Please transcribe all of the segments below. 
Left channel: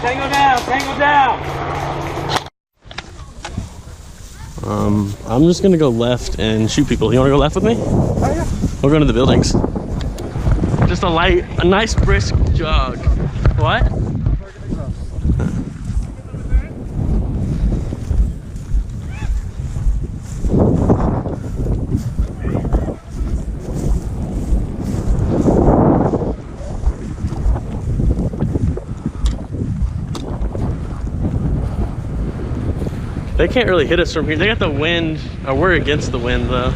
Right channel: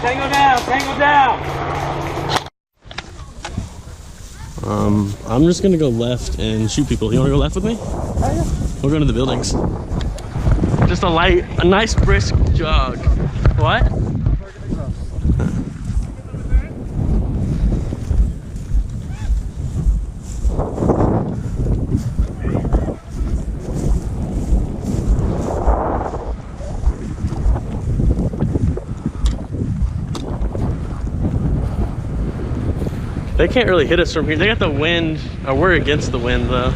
Tango down, tango down. I'm just gonna go left and shoot people. You wanna go left with me? Oh yeah. We'll go into the buildings. Just a nice brisk jog. What? They can't really hit us from here. They got the wind, or we're against the wind though.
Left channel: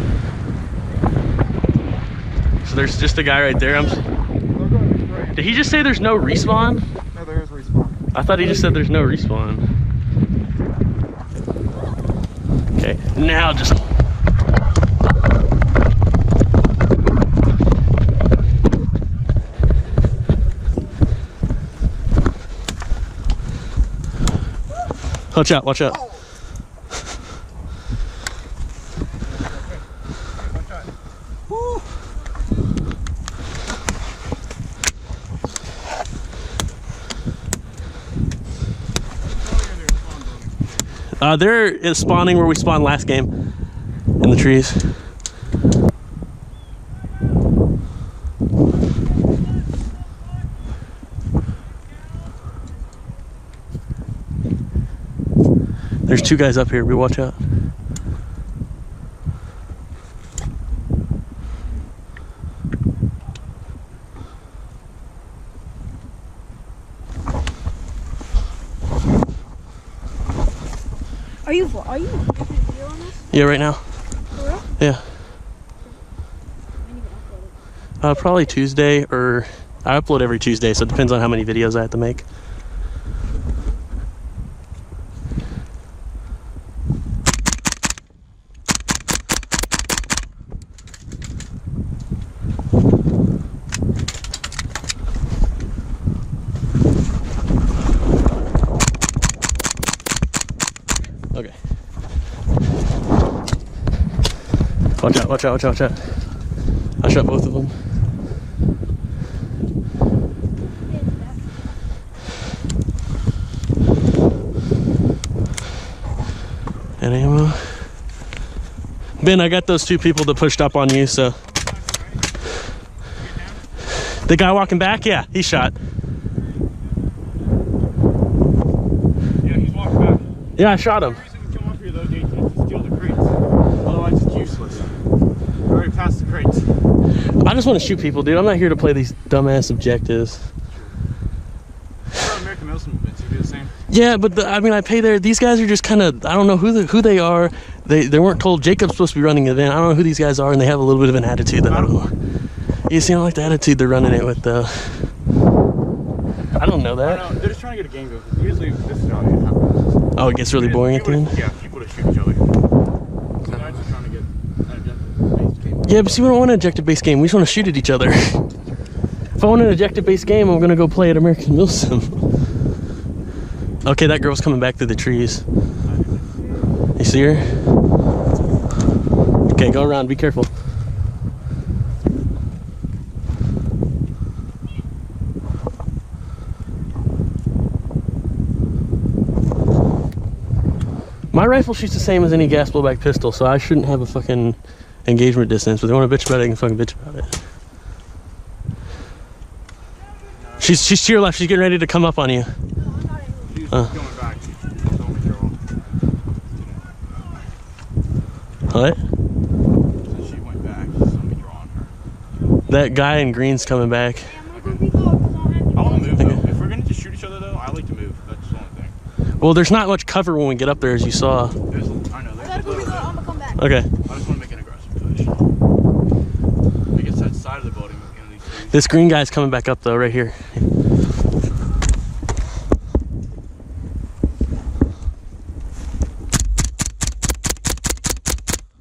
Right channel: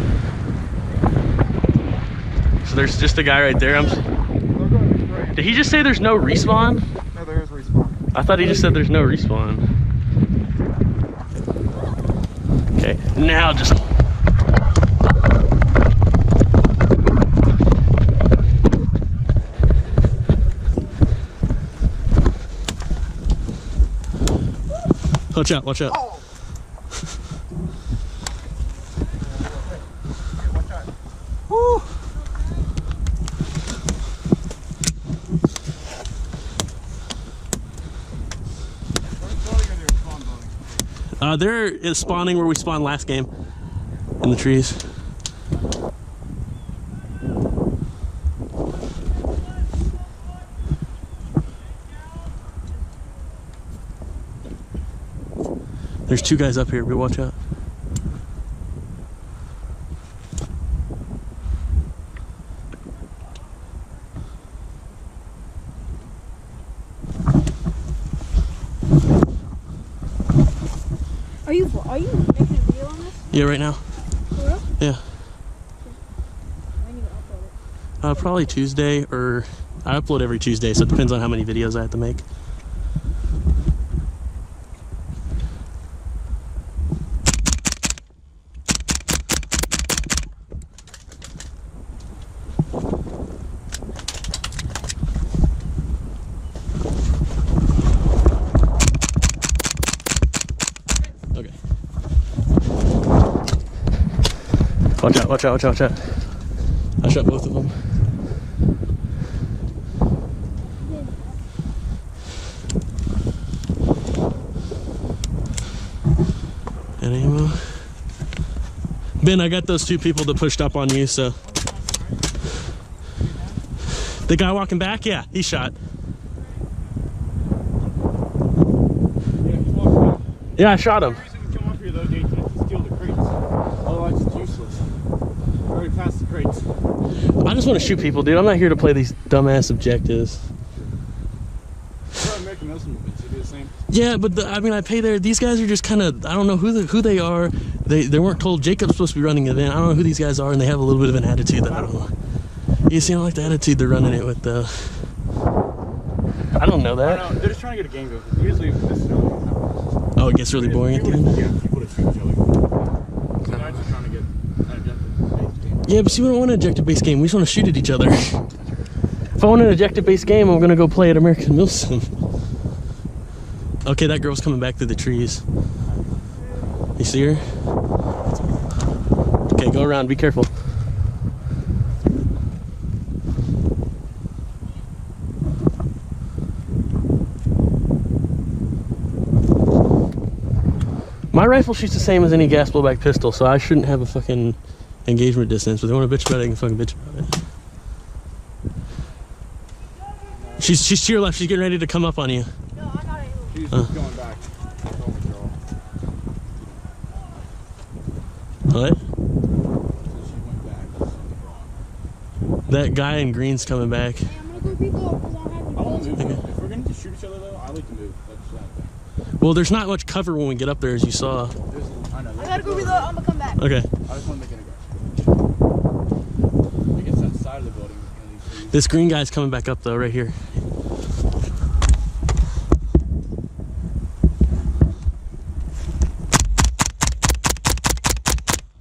So there's just a guy right there. Did he just say there's no respawn? No, there is respawn. I thought he just said there's no respawn. Okay, now just... Watch out, watch out. Oh. Woo. They're spawning where we spawned last game, in the trees. There's two guys up here, we watch out. Are you making a video on this? Yeah, right now. For real? Yeah. When you upload it? Probably Tuesday, or I upload every Tuesday, so it depends on how many videos I have to make. Okay. Watch out, watch out, watch out, watch out. I shot both of them. And ammo. Ben, I got those two people that pushed up on you, so. The guy walking back? Yeah, he shot. Yeah, he's walking back. Yeah, I shot him. The reason we come up here though, Jason, is to steal the crates. Otherwise it's useless. We're already past the crates. I just want to shoot people, dude. I'm not here to play these dumbass objectives. American Muslim movements, you do the same. Yeah, but I mean, I pay there. These guys are just kind of, I don't know who they are. They weren't told Jacob's supposed to be running the event. I don't know who these guys are, and they have a little bit of an attitude that I don't know. You see, I don't like the attitude they're running it with, though. I don't know that. I don't know. They're just trying to get a game going. Usually this is how it happens. Oh, it gets really boring at the end? Yeah, people to shoot each other. So now it's just trying to get an objective-based game. Yeah, but see, we don't want an objective-based game. We just want to shoot at each other. If I want an objective-based game, I'm going to go play at American Milsim. Okay, that girl's coming back through the trees. You see her? Okay, go around. Be careful. My rifle shoots the same as any gas blowback pistol, so I shouldn't have a fucking engagement distance. But if they want to bitch about it, I can fucking bitch about it. She's to your left. She's getting ready to come up on you. No, I'm not able. She's going back. What? So she went back. Something wrong her. That guy in green's coming back. Hey, I'm gonna go reload because I don't have any I want to move Okay. though. If we're going to just shoot each other though, I like to move. That's the only thing. Well, there's not much cover when we get up there, as you saw. I know. I gotta go reload. I'm gonna come back. Okay. I just want to make an aggressive push. I guess that side of the building was going to be trees. This green guy's coming back up though, right here.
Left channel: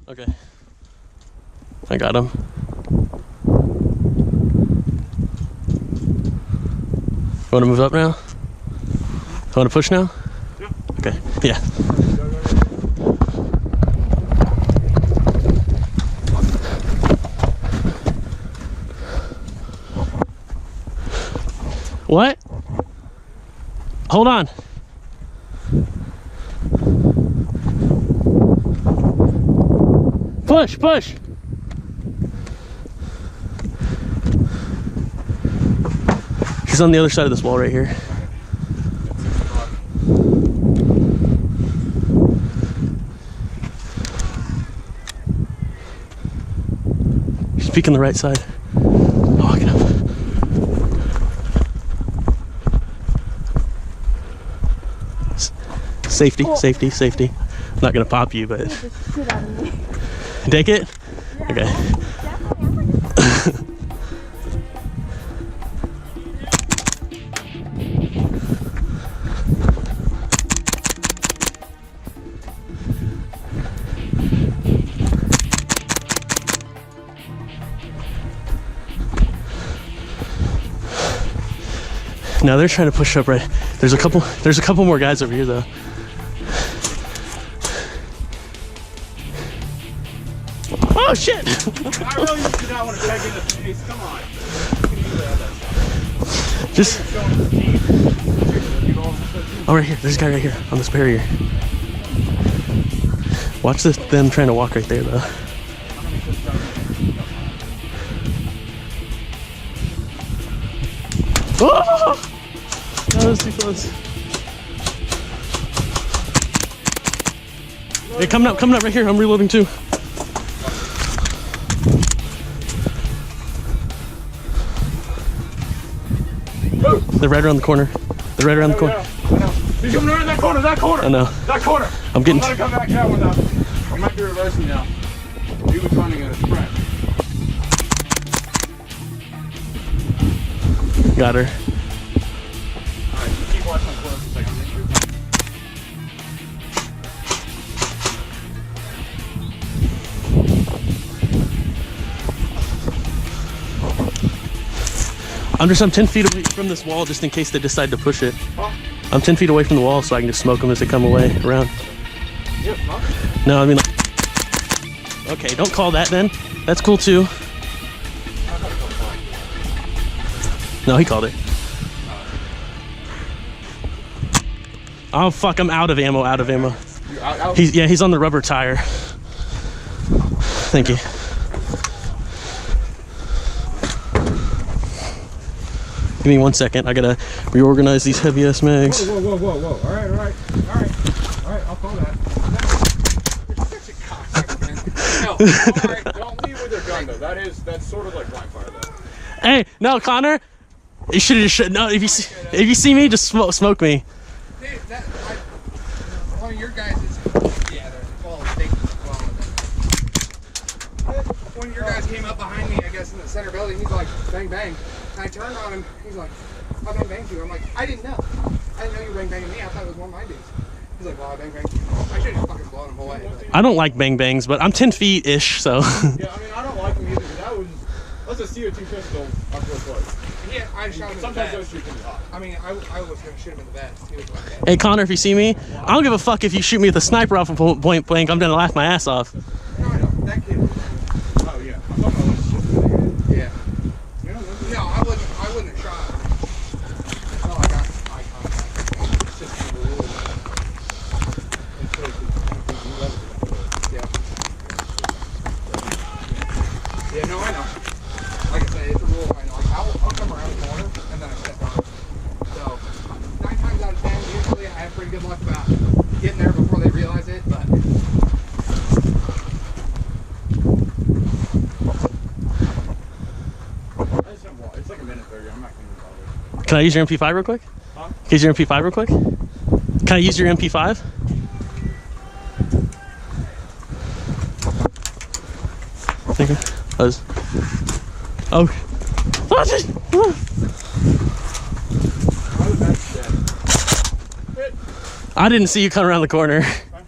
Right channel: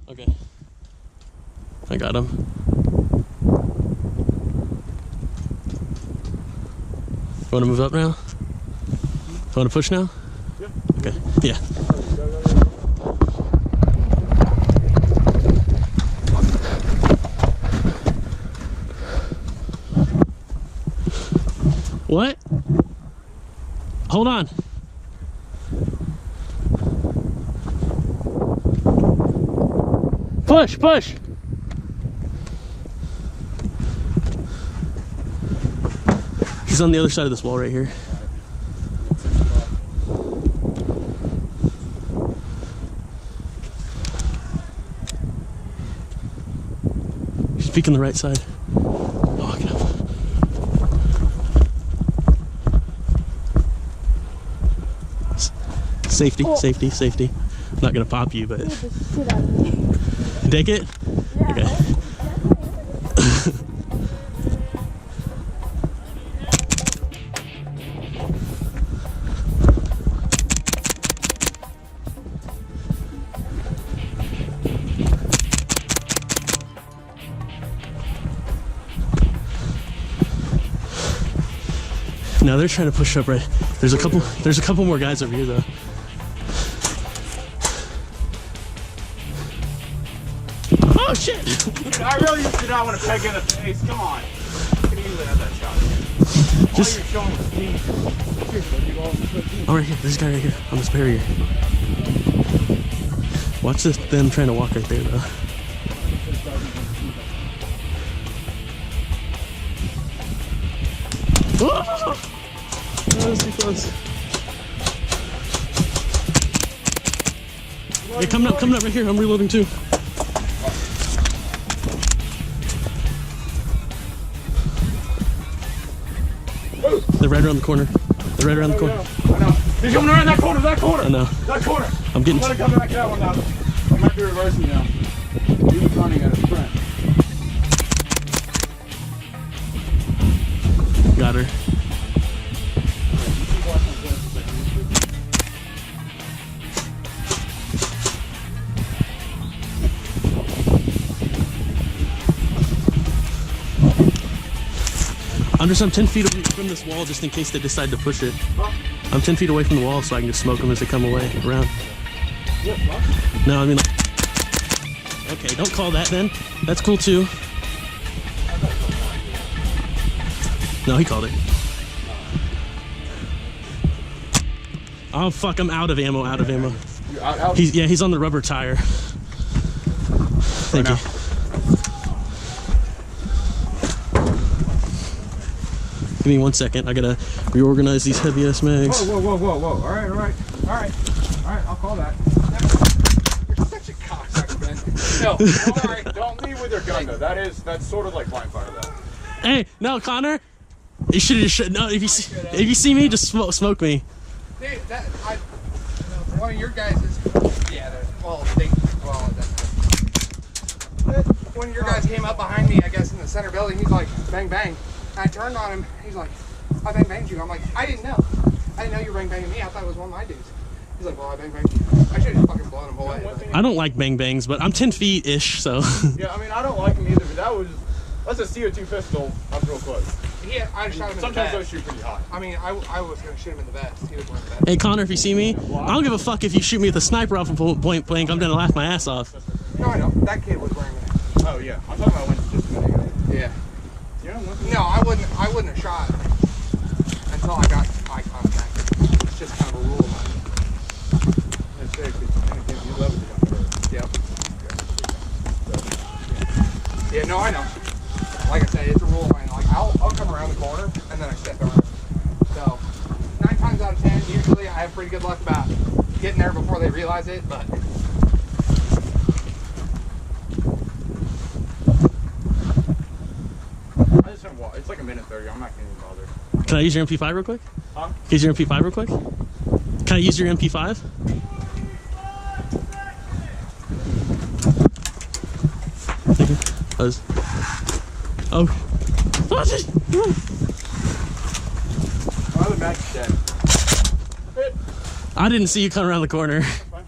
Okay. I got him. You want to move up now? You want to push now? Yeah. Okay. Yeah. What? Hold on. Push, push. She's on the other side of this wall right here. She's peeking the right side. Oh, get up. Safety, safety, safety. I'm not gonna pop you, but Get the shit out of me. take it. Yeah, Okay. Now they're trying to push up right. There's a couple more guys over here though. Oh shit! I really did not want to peg in the face. Come on. You can easily have that shot. Just Show him his teeth. oh, right here. There's a guy right here on this barrier. Watch this. Them trying to walk right there though. Oh! That was too close. Hey, coming up right here. I'm reloading too. They're right around the corner. They're right around the corner. I know. He's coming around that corner, that corner. I know. That corner. I'm getting. Let him come back that one now. He might be reversing now. He was running at a sprint. Got her. Alright, you keep watching the corner for a second. I'm 10 feet away from this wall just in case they decide to push it. Huh? I'm 10 feet away from the wall so I can just smoke them as they come away around. Yep, huh? No, I mean, like, okay, don't call that then. That's cool too. No, he called it. Oh fuck, I'm out of ammo, out of ammo. You out? He's on the rubber tire. Thank you. Give me 1 second. I gotta reorganize these heavy ass mags. Whoa. All right. I'll call that. You're such a cocksucker, man. No, all right. Don't leave with your gun though. That's sort of like blind fire though. Hey, no, Connor. You should have just no. If you see me, just smoke me. Dude, one of your guys is, yeah, one of your guys came up behind me, I guess, in the center building. He's like, bang, bang. And I turned on him. He's like, I bang banged you. I'm like, I didn't know. I didn't know you were bang banging me. I thought it was one of my dudes. He's like, well, I bang banged you. I should have just fucking blown him away. I don't like bang bangs, but I'm 10 feet ish, so. Yeah, I mean, I don't like them either, but that's a CO2 pistol up real close. Yeah, I shot him in the Sometimes those vest. shoot pretty hot. I mean, I was going to shoot him in the vest. He was one of the vest. Hey Connor, if you see me, I don't give a fuck if you shoot me with a sniper off of point blank. I'm gonna laugh my ass off. No, I don't. That kid was wearing that. Oh yeah, I'm talking about when it's just a minute. Yeah. Yeah, No, I wouldn't have shot him until I got eye contact. It's just kind of a rule. Yeah, no, I know. Like I said, it's a rule, and like I'll come around the corner and then I step on it. So 9 times out of 10, usually I have pretty good luck about getting there before they realize it. But I just don't walk. It's like a minute 30. I'm not gonna be bothered. Can I use your MP5 real quick? Huh? Can I use your MP5 real quick? Can I use your MP5? Thank you. Oh. Watch it! Oh, the back's dead. Hit. I didn't see you come around the corner. Fine.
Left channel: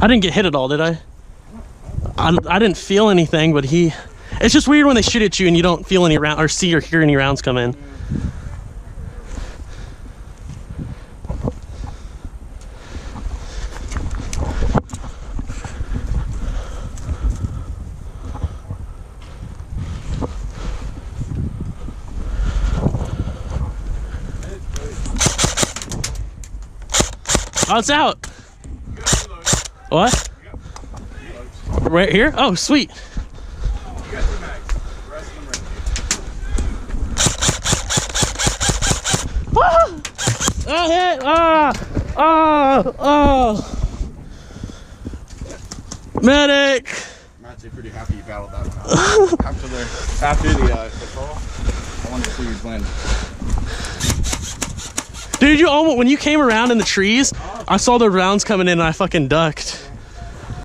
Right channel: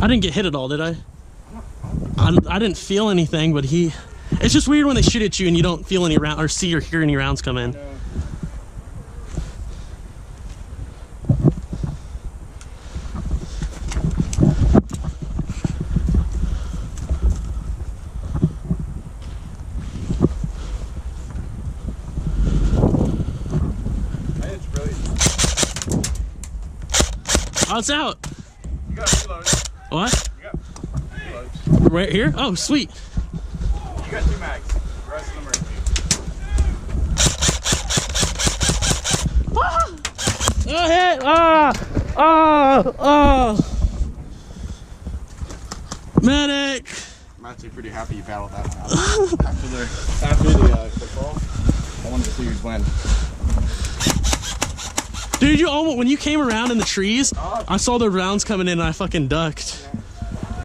I didn't get hit at all, did I? I didn't feel anything, but he... It's just weird when they shoot at you and you don't feel any round or see or hear any rounds come in. Oh, it's out. You got reloads. What? You got reloads. Right here? Oh, sweet. You got 2 mags. The rest of them are empty. Ah! Oh, hit! Oh! Medic! I'm actually pretty happy you battled that one out. after the football, I wanted to see who'd win. Dude, you almost, when you came around in the trees, I saw the rounds coming in and I fucking ducked.